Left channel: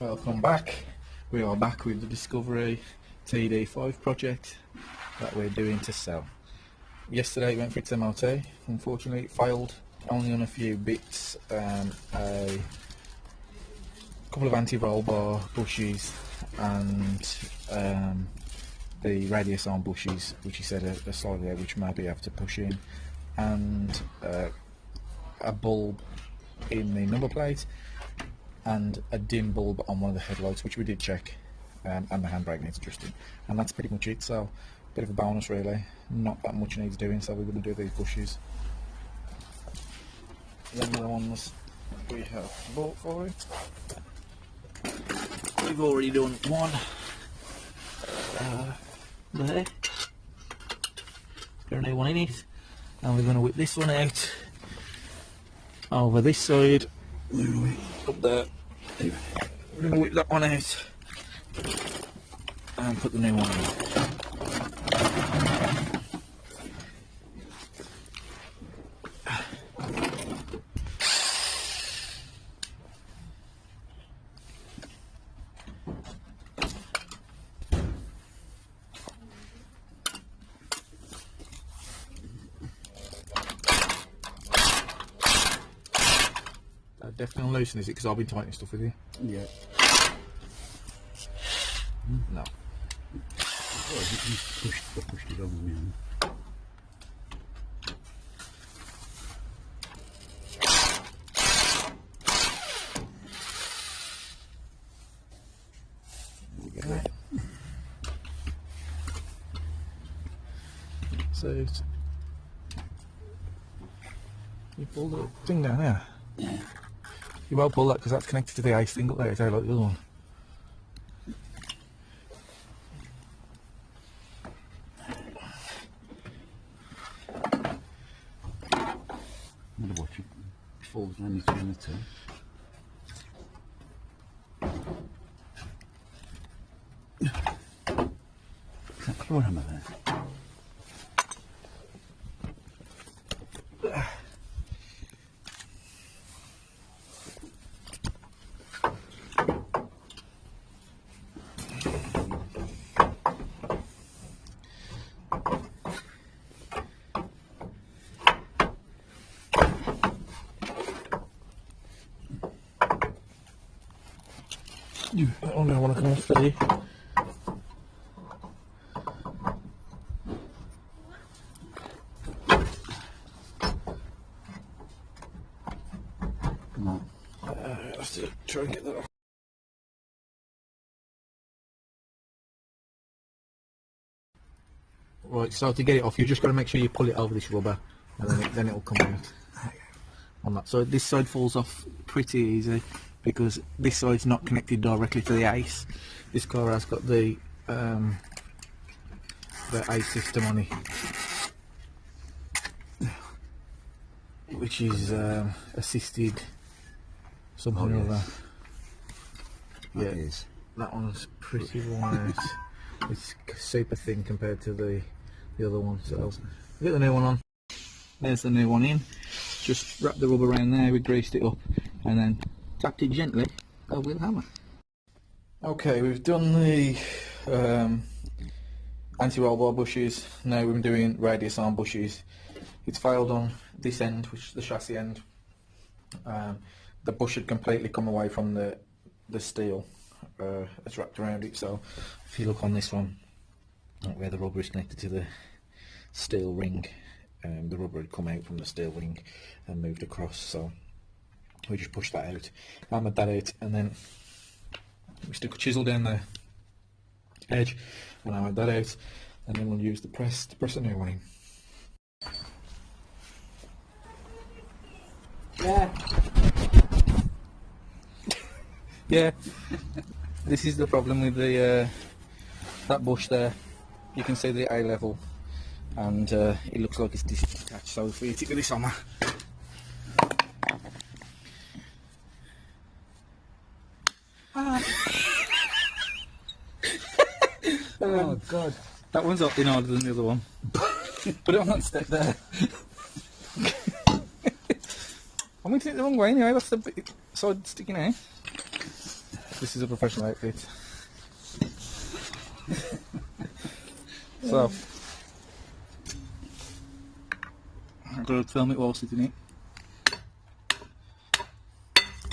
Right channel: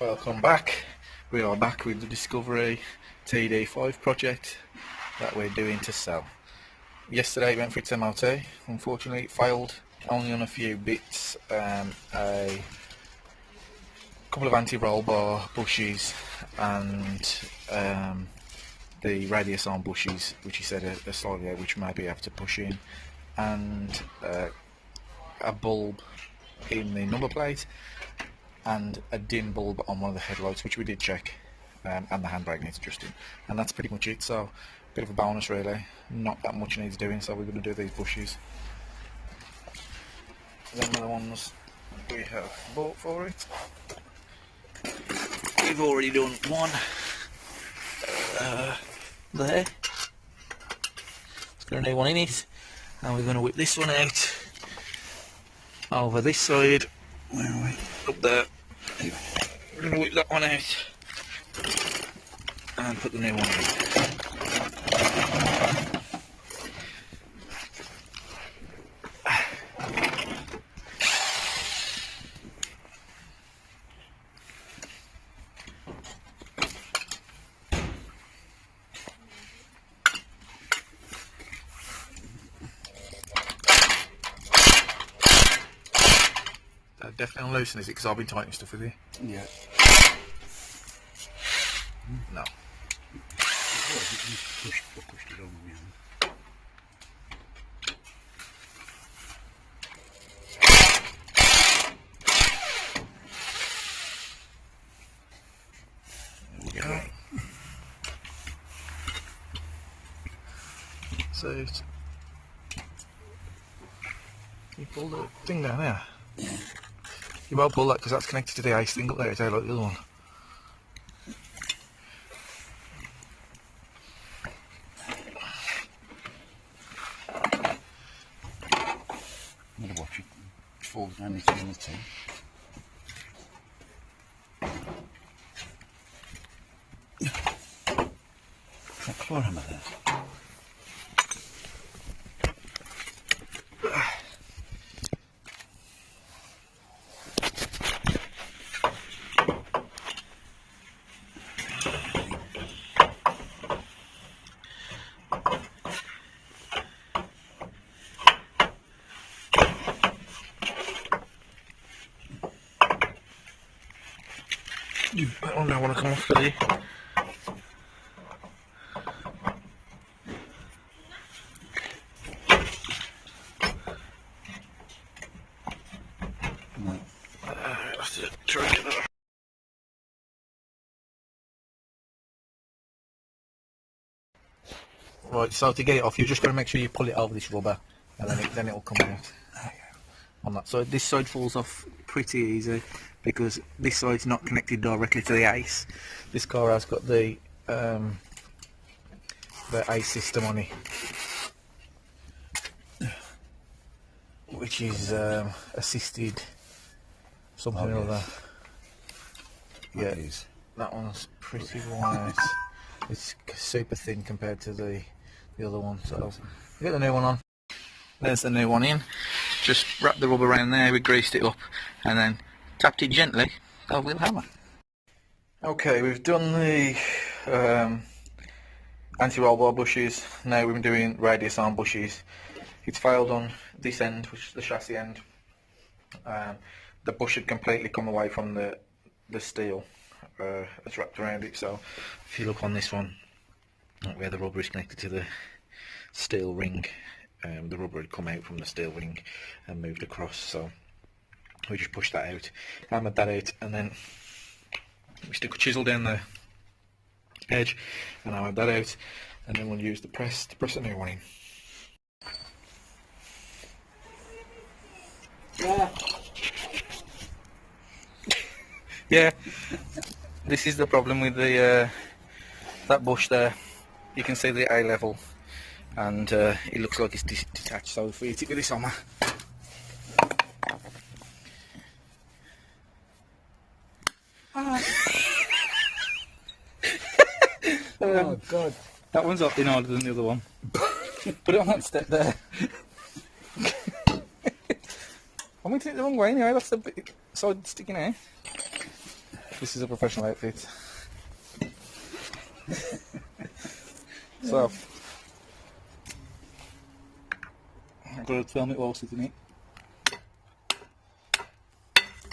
Welcome back. We are back with the Discovery td5 project that we're doing to sell. Yesterday it went for its MOT. Unfortunately it failed only on a few bits. A couple of anti-roll bar bushes and the radius arm bushes, which he said are slightly out, which may be able to push in, and a bulb in the number plate and a dim bulb on one of the headlights, which we did check, and the handbrake needs adjusting, and that's pretty much it. So a bit of a bonus really, not that much needs doing, so we're going to do these bushes. Then the ones we have bought for it, we've already done one there. It's got a new one in it, and we're going to whip this one out over this side. Where are we? Up there. We're going to whip that one out and put the new one in. Definitely loosen, is it? Because I've been tightening stuff with you. Yeah. No. Oh, you pushed it on me. Okay. So you pull the thing down there. Yeah. You won't pull that because that's connected to the ice thing up there, it's like the other one. I'm going to watch it fall down between the two. That floor hammer there. That one don't want to come off, do you? No. Let's just try and get that off. Right, so to get it off, you've just got to make sure you pull it over this rubber, and then it'll come out on that side. This side falls off pretty easy because this side's not connected directly to the ICE. This car has got the ICE system on it, which is assisted something or other. Yeah, that one's pretty wide. It's super thin compared to the other one. So get the new one on. There's the new one in. Just wrap the rubber around there. We greased it up and then tapped it gently over with a hammer. Okay, we've done the anti-roll bar bushes. Now we've been doing radius arm bushes. It's failed on this end, which is the chassis end. The bush had completely come away from the steel. It's wrapped around it. So if you look on this one, where the rubber is connected to the steel ring, the rubber had come out from the steel ring and moved across. So we just pushed that out, hammered that out, and then we stuck a chisel down the edge and hammered that out, and then we'll use the press to press a new one in. Yeah. Yeah, this is the problem with the that bush there. You can see the A level, and it looks like it's detached. So if we hit it with this hammer, oh God, that one's up in harder than the other one. Put it on that step there. I'm going to take it the wrong way anyway. That's the bit side sticking out. This is a professional outfit. So, I'm going to film it while sitting it.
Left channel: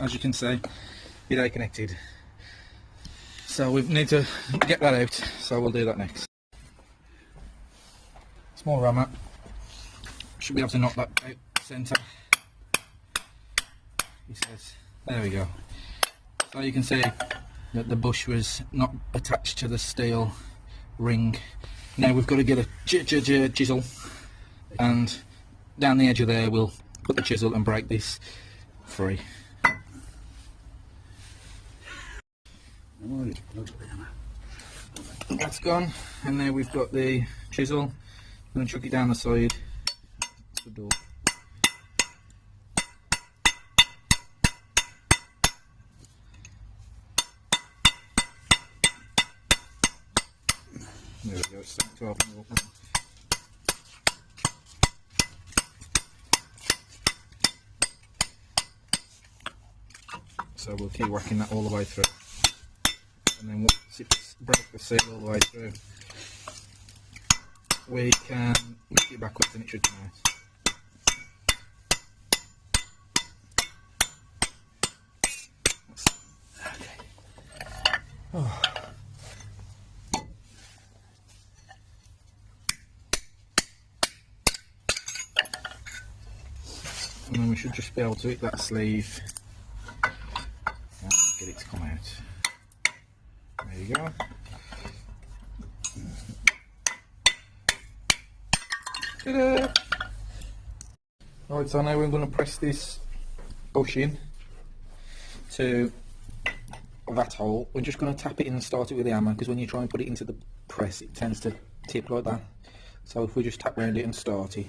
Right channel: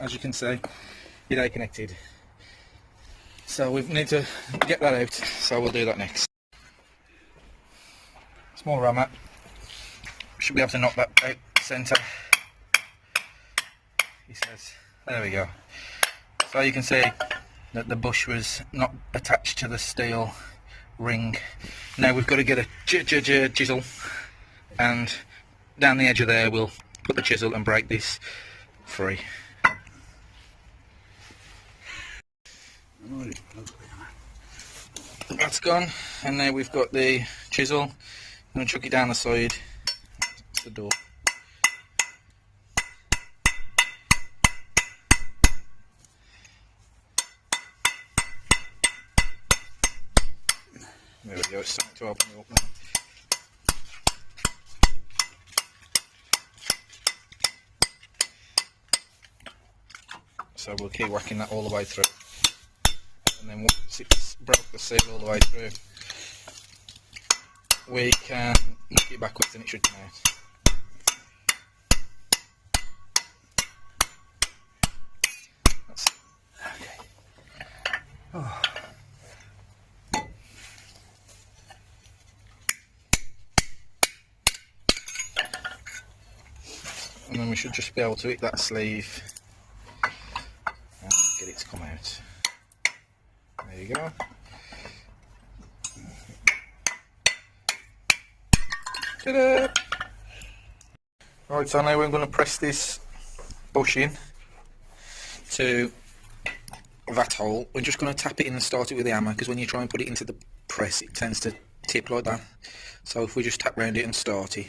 As you can see, it ain't connected. So we need to get that out, so we'll do that next. Small ram mat. Should be able to knock that out centre. He says, there we go. So you can see that the bush was not attached to the steel ring. Now we've got to get a chisel, and down the edge of there we'll put the chisel and break this free. That's gone, and now we've got the chisel. I'm going to chuck it down the side. That's the door. There we go, it's starting to open up now. So we'll keep whacking that all the way through. And then once it's broke the seal all the way through, we can knock it backwards and it should come out. That's, okay. Oh. And then we should just be able to hit that sleeve and get it to come out. There you go. Ta-da! Right, so now we're going to press this bush in to that hole. We're just going to tap it in and start it with the hammer, because when you try and put it into the press it tends to tip like that. So if we just tap round it and start it.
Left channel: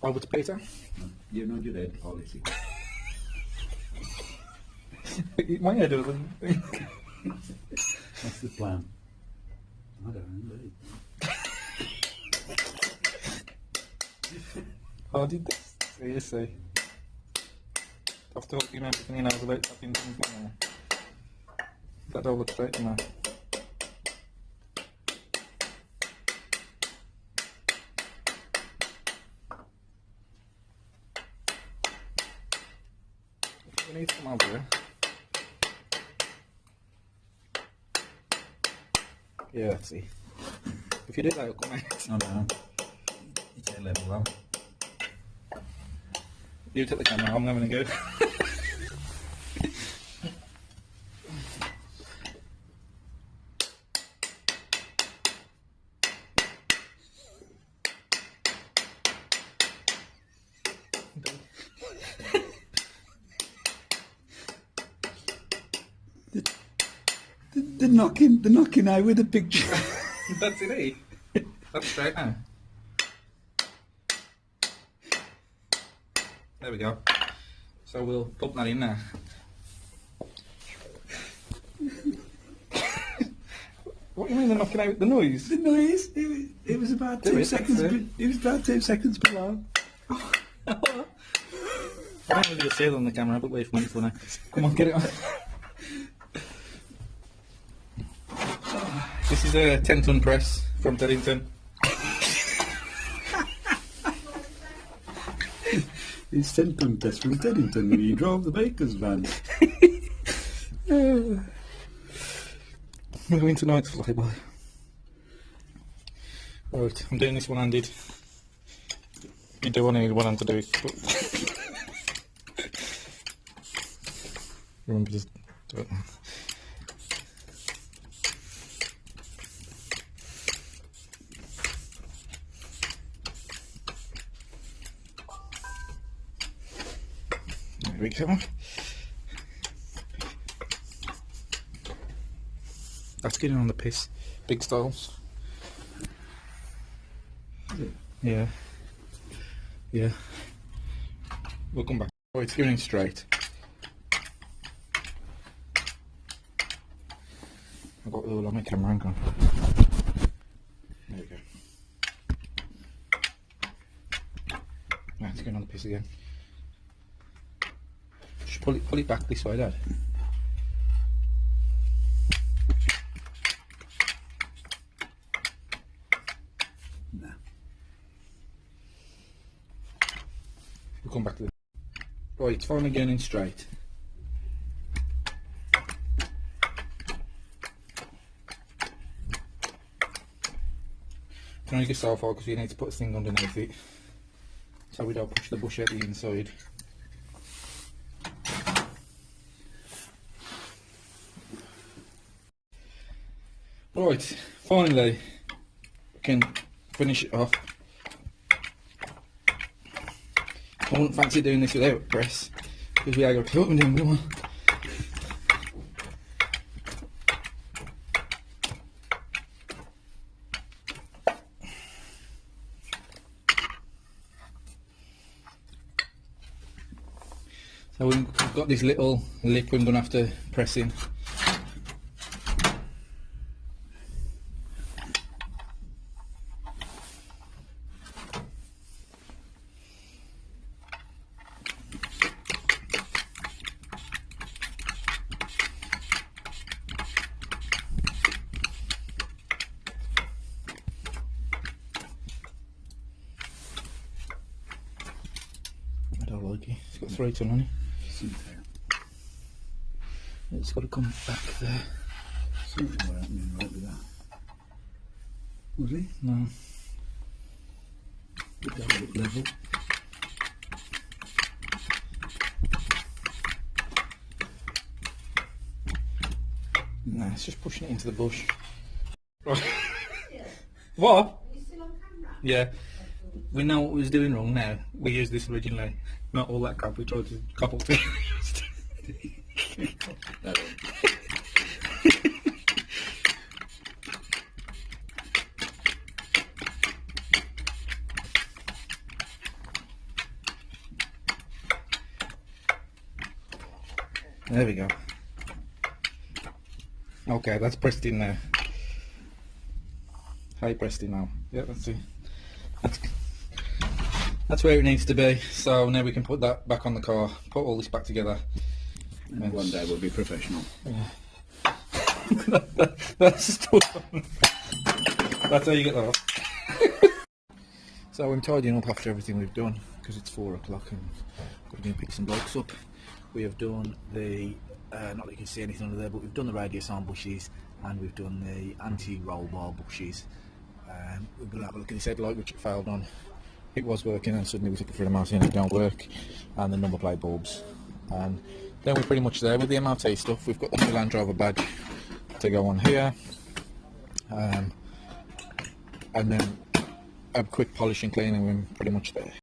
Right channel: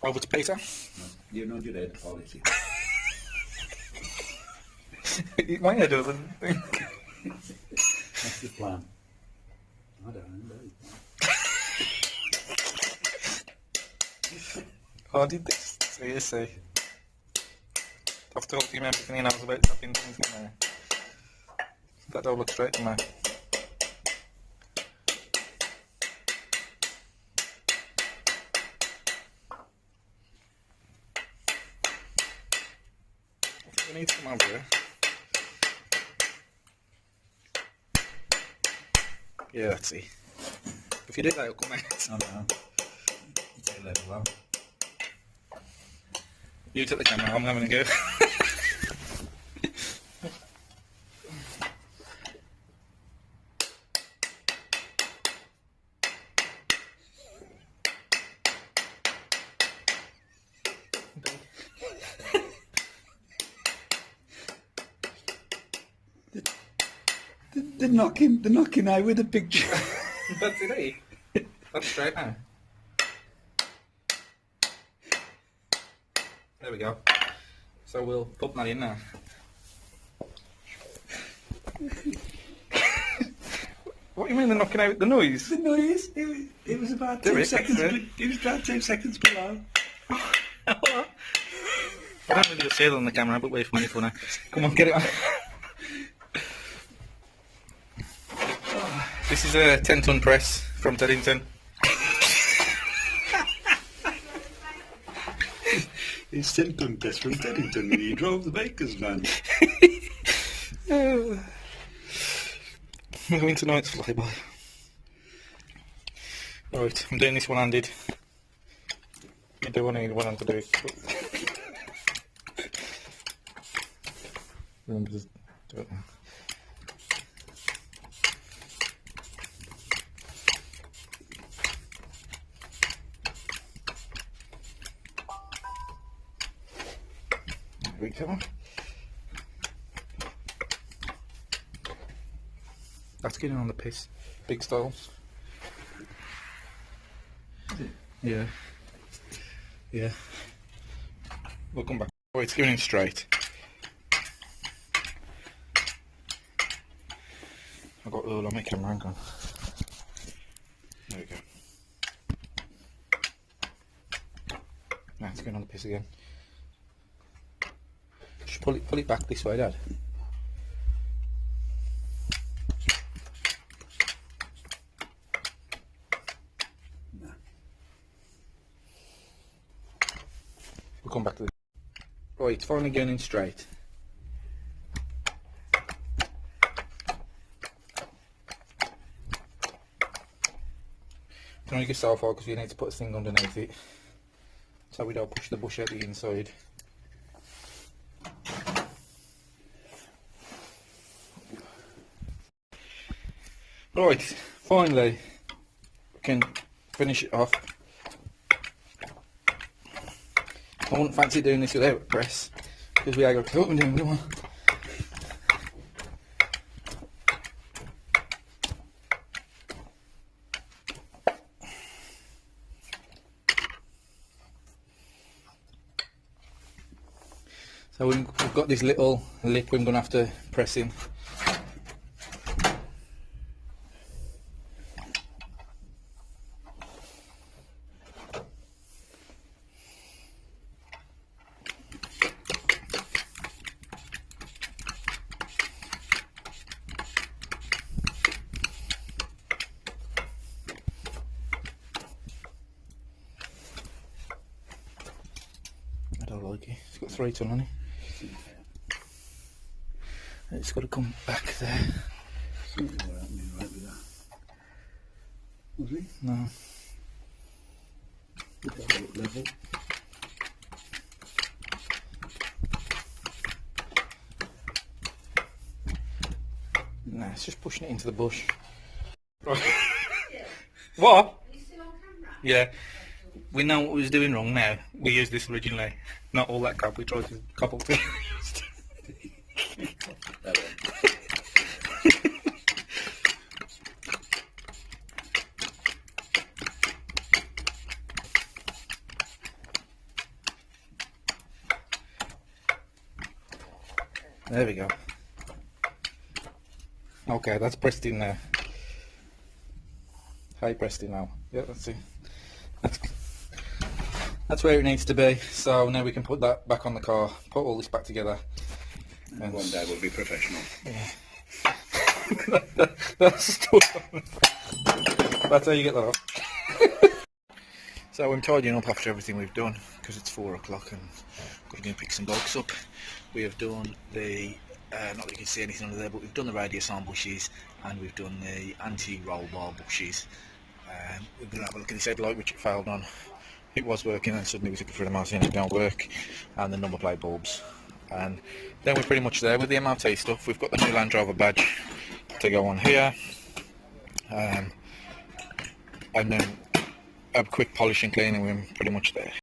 Over to Peter. You know your head quality. My head doesn't think. That's the plan. I don't know. How did this? So you see. I've told him everything he knows about tapping things in there. That don't look straight to me. We need some over here. Yeah, that's it. If you do that, it'll come out. I know. Take level well. You take the camera, I'm having a go. The knocking out with the picture. That's it, eh? That's straight now. There we go. So we'll put that in there. What do you mean they're knocking out the noise? The noise. It was about 2 seconds. It was about 2 seconds below. I don't really see it on the camera, but wait for me for now. Come on, get it on. This is a 10-ton press from Teddington. It's 10-ton press from Teddington when he drove the baker's van. We're going tonight's flyby. Alright, I'm doing this one-handed. You do want to need one hand to do it. But remember to do it. There we go. That's getting on the piss. Big styles. Is it? Yeah. Yeah. We'll come back. Oh, it's going in straight. I've got the all on my camera, hang on. There we go. It's going on the piss again. Just pull it back this way, Dad. No. We'll come back to the... Right, it's finally going in straight. Turn yourself out because you need to put a thing underneath it so we don't push the bush out the inside. Right, finally we can finish it off. I wouldn't fancy doing this without a press because we ain't got a clue what we're doing, we want. So we've got this little lip we're going to have to press in. I don't like it, it's got 3 ton on it. It's got to come back there. Something happening right with that. Was he? No. Put that at level. Nah, it's just pushing it into the bush. Right. What? Are you still on camera? Yeah. We know what we was doing wrong now. We used this originally. Not all that crap we tried to couple to. There we go. Okay, that's pressed in now. High pressed in now. Yeah, that's it. That's where it needs to be. So now we can put that back on the car, put all this back together. And one day we'll be professional. Yeah. That's how you get that off. So I'm tidying up after everything we've done because it's 4 o'clock and got to go and pick some blokes up. We have done the, not that you can see anything under there, but we've done the radius arm bushes and we've done the anti-roll bar bushes. We're going to have a look at this headlight which it failed on. It was working and suddenly we took it through the MRT and it don't work, and the number plate bulbs. And then we're pretty much there with the MRT stuff. We've got the new Land Rover badge to go on here, and then a quick polish and cleaning, we're pretty much there.